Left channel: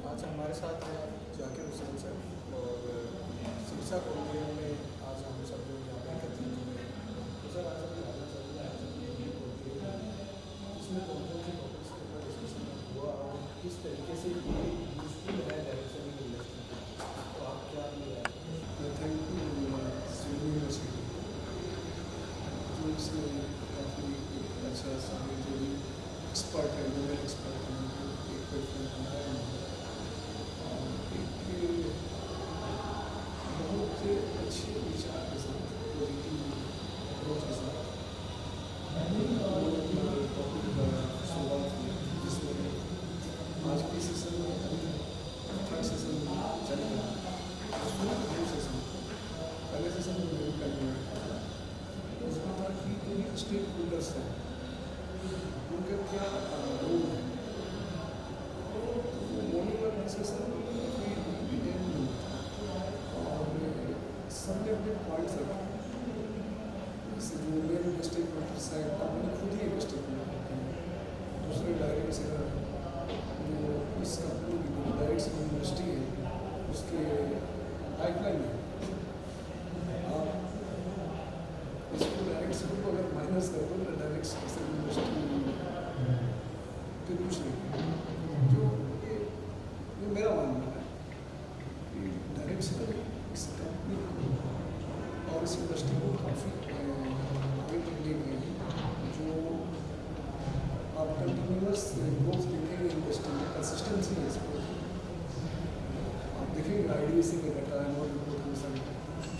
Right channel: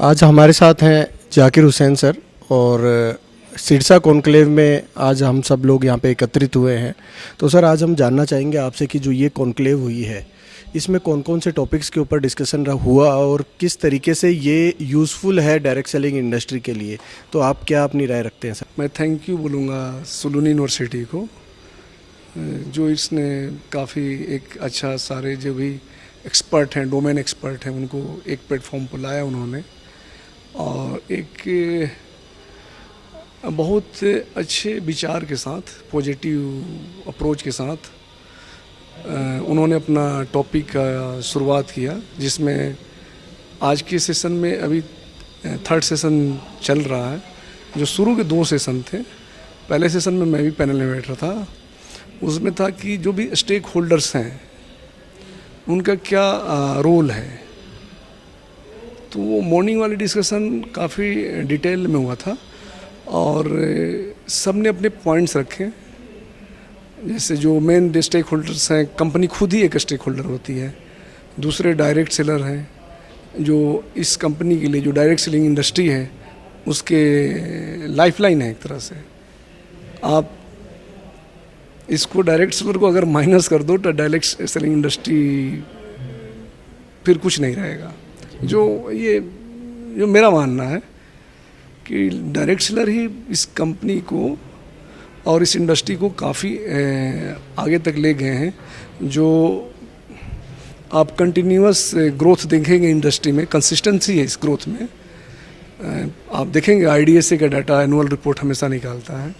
आज हमारे साथ हैं जाकिर हुसैन सर और सिरसा कॉन्क्लेव में आज हम सब लोग यहाँ पे एकत्रित हुए हैं। तो सर आज हम जानना चाहेंगे आपसे कि जो ये कॉन्क्लेव हुई है इसमें कौन कौन से टॉपिक्स के ऊपर डिस्कशन हुआ और किस तरीके से ये यूज़फुल है डायरेक्ट सेलिंग इंडस्ट्री के लिए। तो आप क्या अपनी राय रखते हैं सर? मैं थैंक यू बोलूँगा सुलून यूनिवर्सिटी को, जो इसने काफ़ी एक अच्छा सारे जो भी एक्सपर्ट हैं, डोमेन एक्सपर्ट हैं, उनको एक प्लेटफॉर्म पर लाया उन्होंने और एक बहुत अच्छे विचार के साथ, पॉजिटिव अप्रोच के साथ उन्होंने अपना टॉपिक का शुरुआत किया, जिसमें आज के सेशन में अभी थर्ड सेशन चल रहा है। जो शुरू के 2 सेशन थे, पहले सेशन में मैं भी पैनल में बैठ रहा था, उसमें था कि जो भी स्टेक होल्डर्स हैं उनका क्या रोल है। तो वो मॉर्निंग वाली डिस्कशन काफ़ी डिटेल में हुआ था और सब ने अपने पॉइंट्स रखे। जैसे जो मेन स्टेक होल्डर्स हैं, कंपनी खुद ही एक स्टेक होल्डर होती है, दूसरे डायरेक्ट सेलर हैं, जो इस कंपनी के लिए जो डायरेक्ट सेलिंग इंडस्ट्री है उसके लाइफलाइन है। एक तरह से आप इसको डायरेक्ट सेलर को अगर माइनस कर दो तो डायरेक्ट सेलिंग इंडस्ट्री फिर कुछ नहीं रहेगा। जो मेरा मानना है कि डायरेक्ट सेलर ही इस कंपनी को और इस इंडस्ट्री को काफ़ी आगे तक ले गए हैं। जो आप कंटिन्यूअस ग्रोथ देखेंगे इंडस्ट्री में, कंसिस्टेंसी है इस ग्रोथ में। आप देखेंगे IDSA का डाटा एनुअल रिपोर्ट हमेशा निकालता है,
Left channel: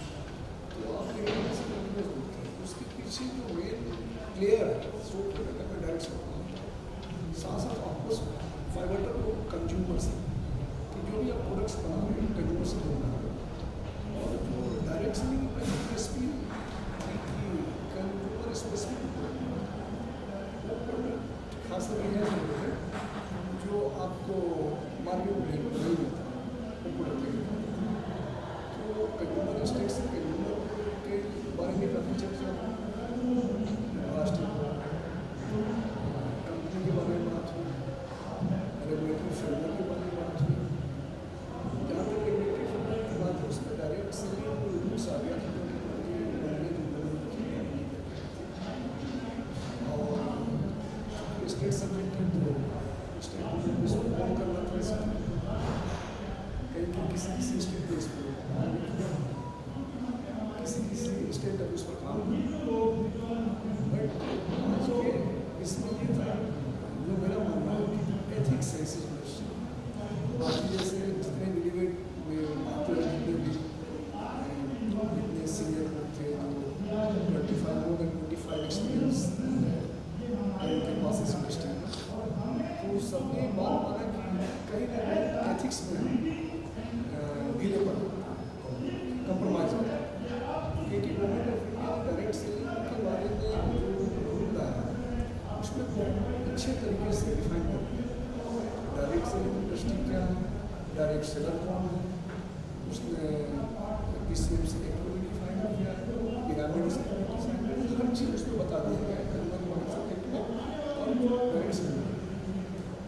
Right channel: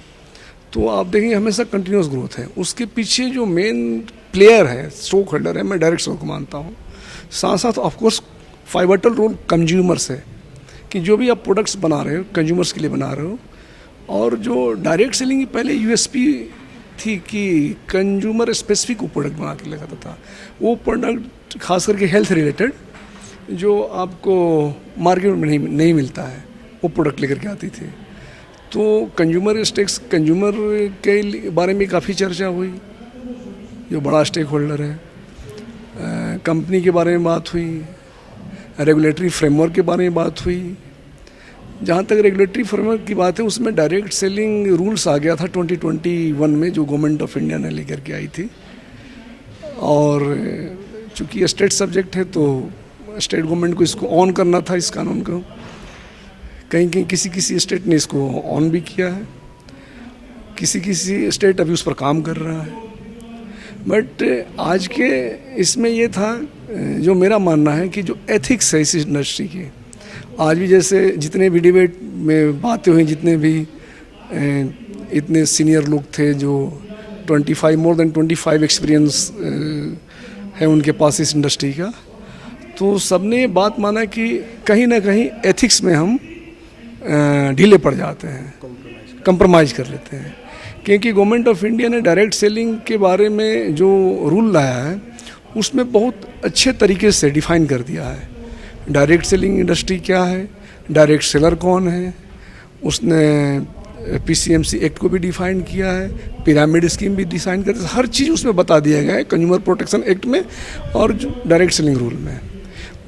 तो आप देखेंगे हमेशा कंटिन्यूअस ग्रोथ है। उसके पीछे जो मेन प्लेयर है, स्टॉक होल्डर है, मैं डायरेक्ट सेलर को मानता हूँ। साथ साथ ऑफकोर्स फाइवटल रोल कंज्यूमर्स है कि जो भी आप प्रोडक्ट्स बना रहे हो कंज्यूमर्स के लिए बना रहे हो। और जो डायरेक्ट सेलिंग की पहले USP थी कि कंज्यूमर स्पेसिफिक वो प्रोडक्ट बना के लेकर था, वो प्रोडक्ट खास करके हेल्थ रिलेटेड जो आपको मार्केट में नहीं मिलता है, वो प्रोडक्ट लेकर के आती थी। तो कंज्यूमर स्टेक्स, कंज्यूमर के बारे में काफ़ी चर्चा हुई, जो बड़ा स्टेक होल्डर है। कंपनी के बारे में बात हुई, रेगुलेटरी फ्रेमवर्क के बारे में बात हुई। जहाँ तक रेगुलेटरी फ्रेमवर्क की बात है, उसमें डायरेक्ट सेलिंग रूल्स आ गया था 2021 में, जो गवर्नमेंट ऑफ इंडिया ने लेकर के आई थी। और चूँकि स्टेट सब्जेक्ट है तो स्टेट गवर्नमेंट को इसको ऑन करना था, इस कानून को। कहीं किसी स्टेट ने इसको ऑन भी किया है, किसी स्टेट अभी उस पर काम कर रहा है। बट आज के इसमें ये था, जो मेरा मानना है कि जो एथिक्स है इस इंडस्ट्री की, आज भी जैसे जितने भी डिबेट में बातें हुई, जितने भी इतने सीनियर लोग थे जो मोर देन 25 एक्सपीरियंस है उनके पास इस इंडस्ट्री का, तो सबने ये बात माना कि कहीं ना कहीं एथिक्स में हम ढीले पड़ जाते हैं, कंप्रोमाइज़ कर लेते हैं। क्योंकि गवर्नमेंट ऑफ इंडिया ने डायरेक्ट सेलिंग के बारे में जो रूल लाया है उसमें बहुत अच्छे तरीके से डिफ़ाइन कर दिया है। डायरेक्ट सेलिंग इंडस्ट्री क्या है, डायरेक्ट सेलर कौन है, उसने PCMC एक्ट को भी डिफ़ाइन किया है, पिरामिड स्कीम भी डिज़ाइन कर, हर चीज़ उसमें बता दिया गया है कंज्यूमर प्रोटेक्शन एक्ट में और जो डायरेक्ट सेलिंग रूल में।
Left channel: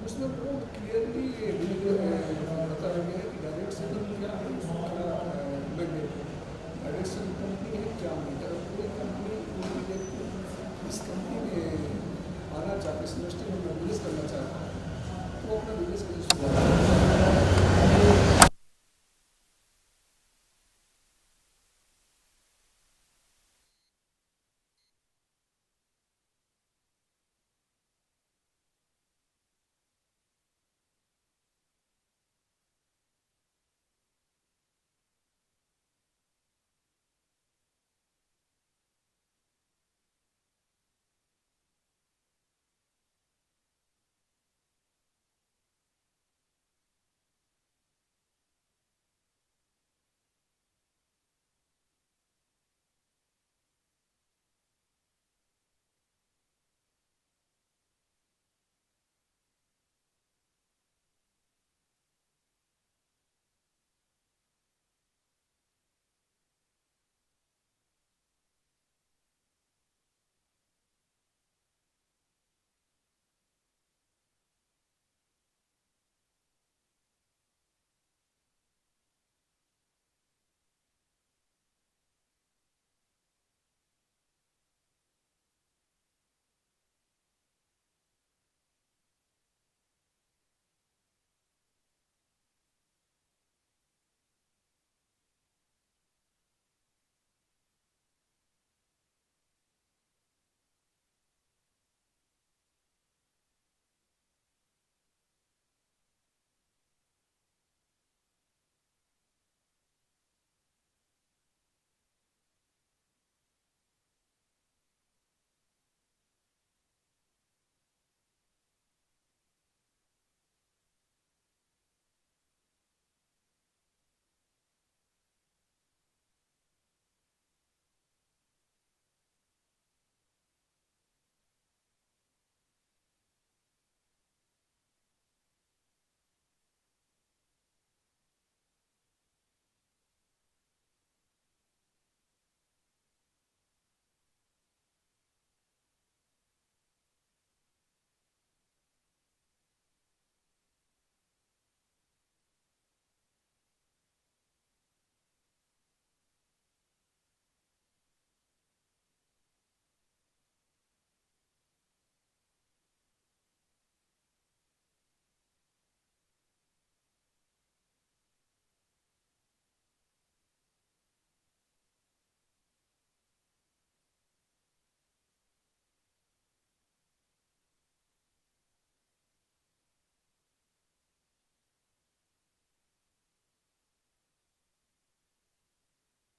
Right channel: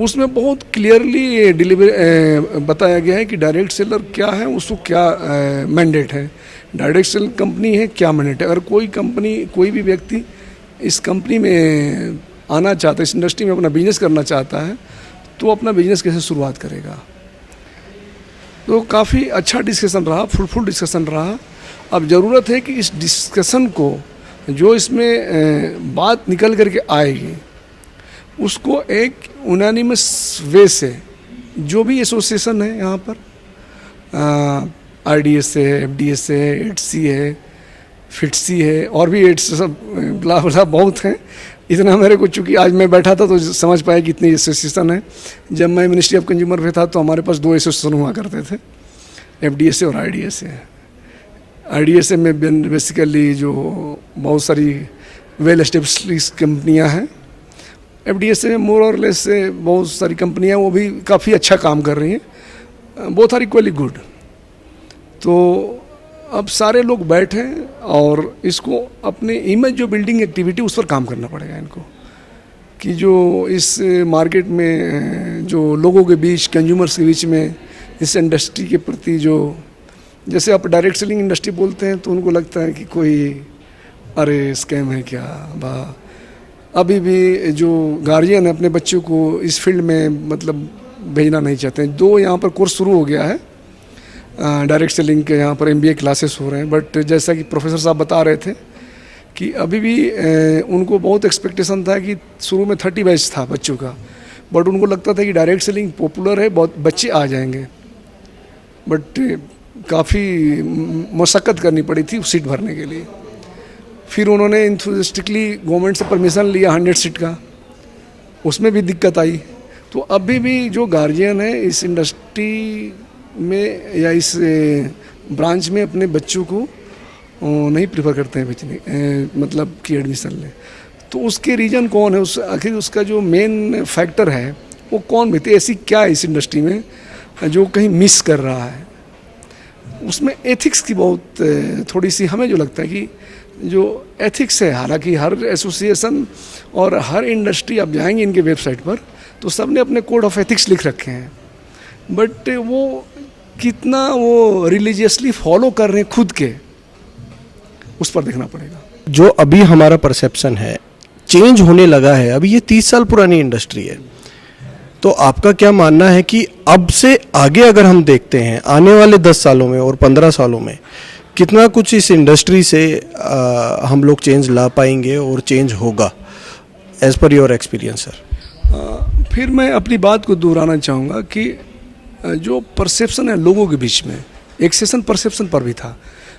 उसमें बहुत क्लियरली बताया गया है कि डायरेक्ट सेलर क्या है, उसको क्या मैंडेट है, डायरेक्ट सेल कंपनी है क्या मैंडेट है। अगर कोई भी व्यक्ति इस कंपनी में आना चाहता है, इस इंडस्ट्री में अपना बिजनेस करना चाहता है, तो अपना बिजनेस कैसे शुरुआत करेगा। तो काफ़ी अच्छा डिस्कशन रहा, फ्रूटफुल डिस्कशन रहा। अब ज़रूरत है कि इस डिस्कशन को, जो इसमें बात निकल करके आएगी, उसको एक यूनानिमस वे से जो भी एसोसिएशन है यहाँ पर, IDSA है, FDSA है, HC है, FITC है, और भी सब बला बहुत हैं। इतना मेरे को, चूँकि आज मैं बैठा था तो समझ पाया कि इतनी एसोसिएशन है। जब मैं मिनिस्ट्री ऑफ कंज्यूमर में था तो हमारे पास 2 एसोसिएशन हुआ करते थे, FDSA और IDSA। IDSA में बेसिकली जो बहुत सारी वेल एस्टेब्लिश्ड कंपनियां हैं, FDSA में मोर और लेस से बहुत सारी कंपनियां, वो भी काफ़ी अच्छा काम कर रही हैं, बोथ आर इक्वली गुड। तो अब सारे लोग बैठे और इसको अपने इमेज जो बिल्डिंग एक्टिविटी उस पर काम करना पड़ेगा इनको, कि जो इस मार्केट में जो लोगों के बीच, कंज्यूमर्स के बीच में इस इंडस्ट्री के प्रति जो, जैसे आप डायरेक्ट सेलिंग इंडस्ट्री बोलते हैं तो उनको लगता है कि कोई अरे स्कैम है क्या बा। अभी भी जो गार्जियन है अपने बच्चों को इस फील्ड में मतलब भेजना नहीं चाहते हैं। 2 यहाँ पर कोर्स शुरू हो गया है डायरेक्ट सेलिंग के, यहाँ पर MBA क्लासेस हो रहे हैं, बट जैसा कि प्रोफेसर साहब बता रहे थे कि अभी भी उनको बहुत एक्सपेक्टेशन था कि शुरू में 30 बैच था बच्चों का, बट उनको लगता था कि डायरेक्ट सेलिंग पॉपुलर है, बहुत बच्चे आ जाएंगे, बट काफ़ी मशक्क़त करनी पड़ी थी सीट भरने के लिए। फिर उन्होंने इंथुजिस्टिकली गवर्नमेंट से परमिशन लिया 100 सीट का, उसमें भी दिक्कत आई। तो अभी भी जो गार्जियन है इस इंडस्ट्री में या इस ब्रांच में अपने बच्चों को नहीं प्रीफर करते हैं भेजने, मतलब कि एडमिशन लें। तो उसके रीज़न कौन है, उस आखिर उसका जो मेन फैक्टर है वो कौन भी, ऐसी क्या है इस इंडस्ट्री में जो कहीं मिस कर रहा है। उसमें एथिक्स की बहुत थोड़ी सी हमें जो लगता है कि जो एथिक्स है, हालांकि हर एसोसिएशन और हर इंडस्ट्री आप जाएंगे इनके वेबसाइट पर तो सब ने अपने कोड ऑफ एथिक्स लिख रखे हैं, बट वो कितना वो रिलीजियसली फॉलो कर रहे हैं खुद के, उस पर देखना पड़ेगा। जो अभी हमारा परसेप्शन है चेंज होने लगा है, अभी ये 30 साल पुरानी इंडस्ट्री है, तो आपका क्या मानना है कि अब से आगे अगर हम देखते हैं आने वाले 10 सालों में और 15 सालों में कितना कुछ इस इंडस्ट्री से हम लोग चेंज ला पाएंगे और चेंज होगा, as per your experience sir? फिर मैं अपनी बात को दोहराना चाहूँगा कि जो परसेप्शन है लोगों के बीच में, एक सेशन परसेप्शन पर भी था,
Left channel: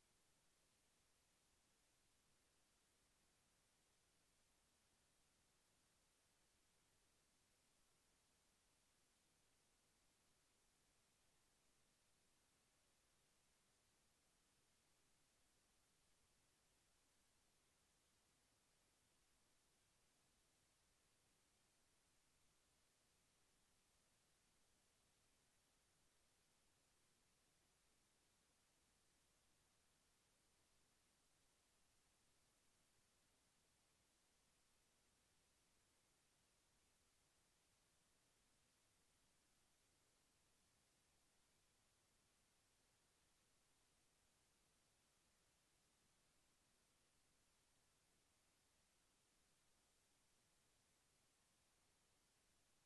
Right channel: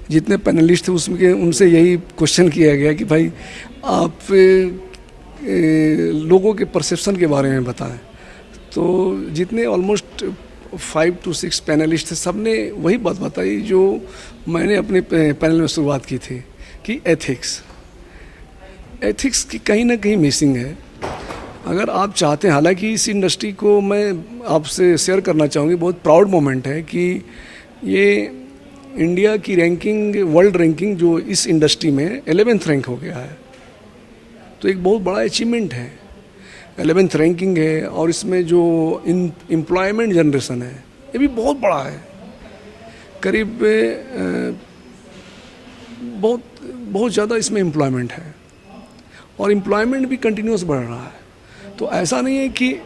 जितने पैनलिस्ट थे उसमें उनसे यही क्वेश्चन किया गया कि भाई आप लोगों के परसेप्शन के बारे में बताएं। तो जितने ऑलमोस्ट 5 to 6 पैनलिस्ट थे, सब ने वही बात बताई जो मैंने अपने पैनल में शुरुआत की थी कि एथिक्स की कहीं ना कहीं मिसिंग है। अगर आप चाहते हैं, हालांकि इस इंडस्ट्री को मैं आपसे शेयर करना चाहूँगी, बहुत प्राउड मोमेंट है कि ये इंडिया की रैंकिंग, वर्ल्ड रैंकिंग जो इस इंडस्ट्री में 11th रैंक हो गया है, तो एक बहुत बड़ा अचीवमेंट है। 11th रैंकिंग है और इसमें जो एम्प्लॉयमेंट जनरेशन है ये भी बहुत बड़ा है, करीब बहुत ज़्यादा इसमें एम्प्लॉयमेंट है और एम्प्लॉयमेंट भी कंटिन्यूस बढ़ रहा है। तो ऐसा नहीं है कि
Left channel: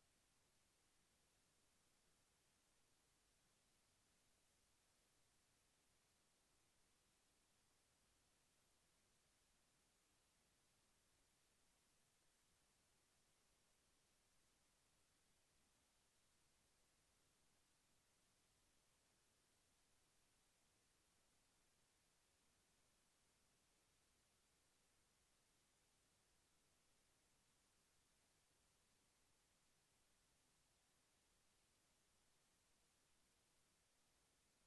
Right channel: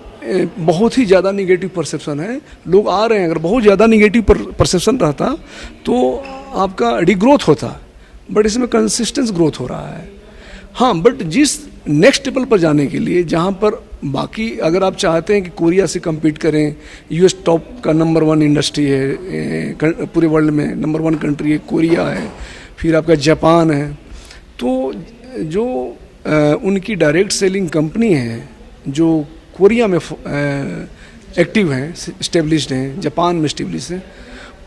बहुत ही ज़्यादा निगेटिव परसेप्शन है, लोग आ रहे हैं। अगर बहुत ज़्यादा निगेटिव परसेप्शन रहता तो आपका डिग्रोथ होता, बट इसमें कंसिस्टेंस ग्रोथ हो रहा है। हाँ, बट जिस नेक्स्ट लेवल पर जाने के लिए, जहाँ पर बाकी अगर आप चाहते हैं कि कोरिया से compete करें, US टॉप का नंबर 1 इंडस्ट्री है पूरे वर्ल्ड में, नंबर 1 कंट्री है कोरिया है, फिर आपका जापान है, तो जो उनकी डायरेक्ट सेलिंग कंपनी है जो कोरिया में एक्टिव हैं, इस्टेब्लिश्ड हैं, जापान में इस्टेब्लिश हैं,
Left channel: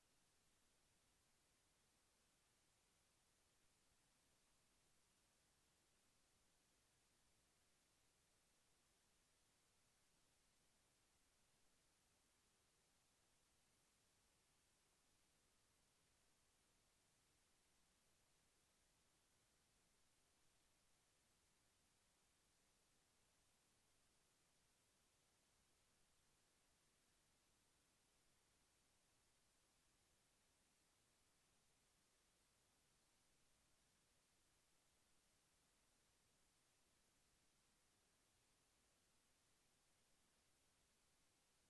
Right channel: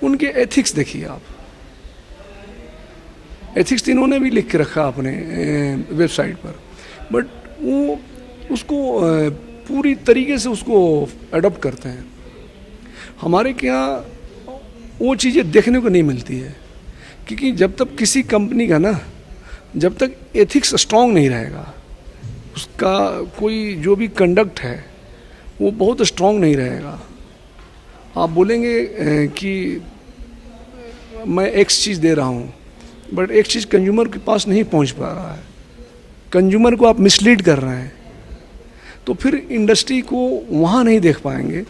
उनके एथिक्स देखिए आप। एथिक्स इन्होंने भी लिख के रखा अपने वेबसाइट पर, बट वो उसको पूरी तरीके से उसको अडॉप्ट करते हैं। हमारे के यहाँ वो चीज़ें देखने को नहीं मिलती है, क्योंकि जब तक किसी कंपनी का ना, जब तक एथिक्स स्ट्रांग नहीं रहेगा, उसका कोई जो भी कंडक्ट है वो बहुत स्ट्रांग नहीं रहेगा। आप बोलेंगे कि मैं एक्स चीज़ दे रहा हूँ, बट एक चीज़ कंज्यूमर के पास नहीं पहुँच पा रहा है, कंज्यूमर को आप मिसलीड कर रहे हैं, तो फिर इंडस्ट्री को वहाँ नहीं देख पाएंगे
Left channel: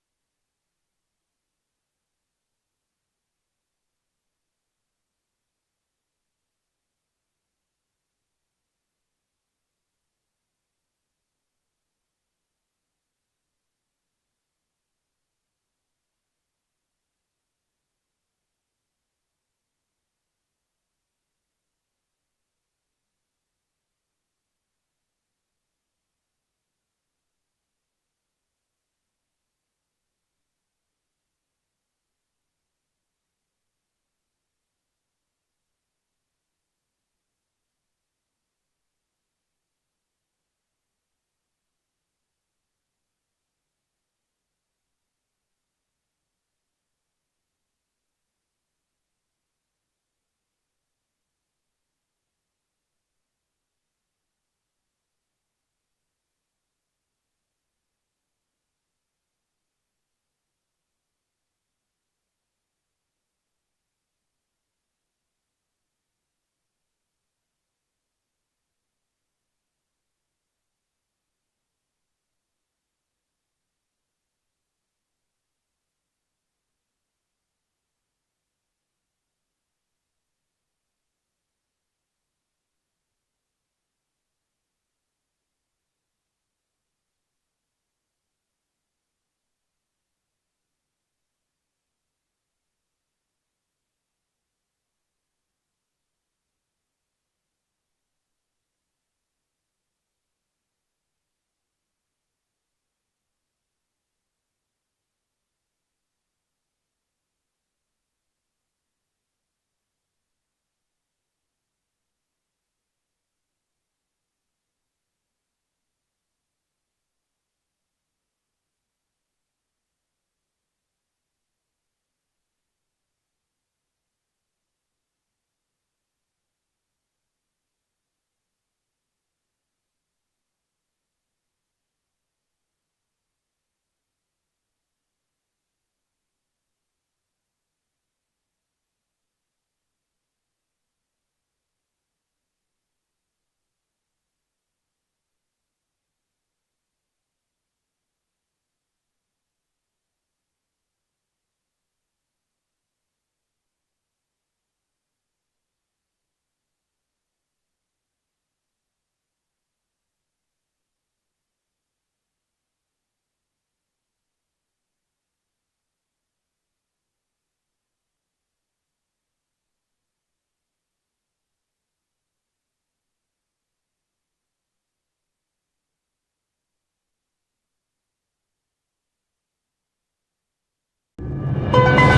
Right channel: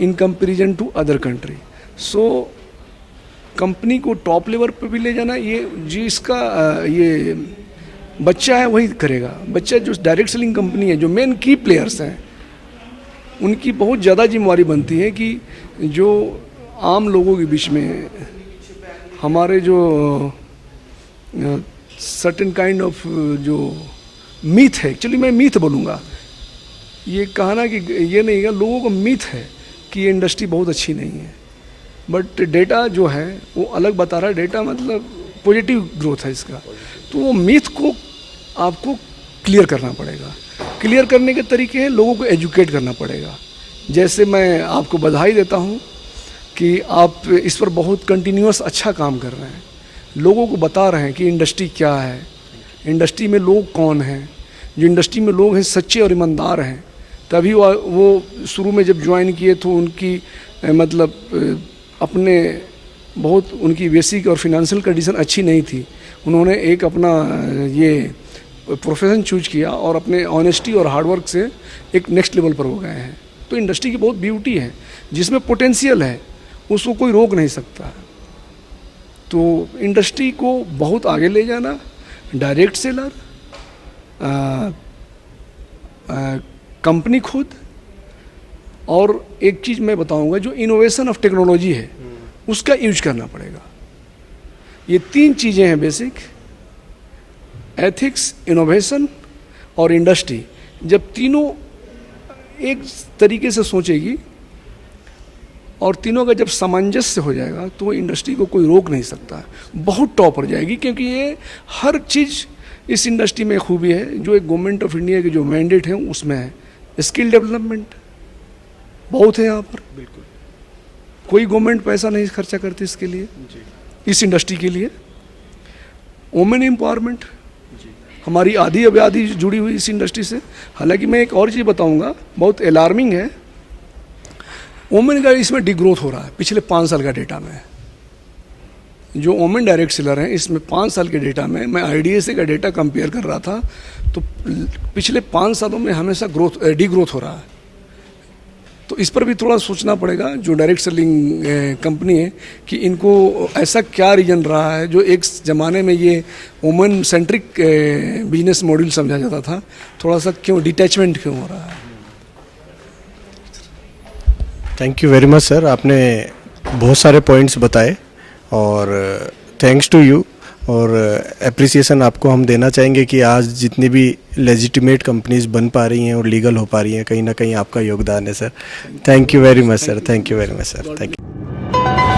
in comparison to other country. So company को टॉप लेवल पर भी ले जाना, ये जिसका ये बच्चा है वही करेगा। बच्चा जो डायरेक्ट सेलिंग कंपनी है, जो मेन की प्लेयर्स हैं, उनकी बहुत ज़्यादा जिम्मेवारी बनती है कि जो आम लोगों के बीच में हमारे जो सर्टेन काइंड ऑफ जो मीथ है, एक्चुअली मैं मीथ बोलूँगा, ये कहना कि ये नहीं है, लोगों को मीथ है कि ये इंडस्ट्री बहुत अच्छी नहीं है, बट डेटा जो है वो अलग बता रहा है। डेटा मतलब पॉजिटिव ग्रोथ है इसका, तो वो मीथ को आपको क्लियर करना पड़ेगा। क्लियर करने के तरीके हैं, लोगों को एजुकेट करना पड़ेगा। जैसे मैं आपको बधाई देता हूँ कि आप इस पर बहुत कंटिन्यूअस अच्छा काम कर रहे हैं, लोगों को बता रहे हैं कि इंडस्ट्री क्या है, इंडस्ट्री में लोग कौन हैं। जो इंडस्ट्री में लोग हैं सच्चे और ईमानदार हैं। तभी वो शुरू में जब ज्वाइन किए तो उनकी मतलब अपने बहुत उनकी बेसिक और फिनेंशियल कंडीशन अच्छी नहीं थी। उन्होंने एक अपना ये प्रोफेशन चूज किया और अपने ऑनेस्टी और हार्डवर्क से एक नेक्स्ट लेवल पर हो गए हैं। तो इंडस्ट्री की बहुत ब्यूटी है, जिसमें पोटेंशियल है उसको कोई रोक नहीं सकता। तो इंडस्ट्री को बहुत आगे ले जाना, डायरेक्ट सेलर, कंपनी खुद, और एक चीज़ मैं बताऊंगा, जो इनोवेशन ऑफ टेक्नोलॉजी है उसका यूज करना पड़ेगा। ये 3 चीज़ें हैं बेसिक, एथिक्स, इनोवेशन और इंडस्ट्री। जब तीनों एक तरीके से सोचेगी और तीनों का जब सामंजस्य हो जाएगा तो इंडस्ट्री को कोई रोक नहीं सकता, बहुत टॉप पर जाएगी। क्योंकि ये हर चीज़ इस इंडस्ट्री में खूबी है जो एक गवर्नमेंट ऑफ इंडिया के जो मैंडेट है उसमें है। स्किल डेवलपमेंट बहुत है यहाँ पर, बिल्कुल कोई गवर्नमेंट पैसा नहीं खर्चा करती इसके लिए, इस इंडस्ट्री के लिए। वुमेन एम्पावरमेंट, हमारी आधी आबादी जुड़ी हुई इस इंडस्ट्री से। हालांकि मैं एक और चीज़ बताऊंगा, बहुत अलार्मिंग है, वुमेन का इसमें डिग्रोथ हो रहा है पिछले 5 साल का डेटा में। जो वुमेन डायरेक्ट सेलर हैं इसमें 5 साल के डेटा में, मैं IDSA का डेटा कंपेयर कर रहा था, तो पिछले 5 सालों में हमेशा डिग्रोथ हो रहा है। तो इस पर भी थोड़ा सोचना पड़ेगा जो डायरेक्ट सेलिंग कंपनी है, कि इनको ऐसा क्या रीजन रहा है जो एक ज़माने में ये वुमेन सेंट्रिक बिजनेस मॉडल समझा जाता था, थोड़ा सा क्यों डिटैचमेंट क्यों हो रहा है। Thank you very much sir, आपने बहुत सारे पॉइंट्स बताए और थैंक्स टू यू, और एप्रिसिएशन आपको हम देना चाहेंगे कि आज जितनी भी लेजिटिमेट कंपनीज बन पा रही हैं और लीगल हो पा रही हैं, कहीं ना कहीं आपका योगदान है sir. Thank you very much sir, thank you very much sir, thank you.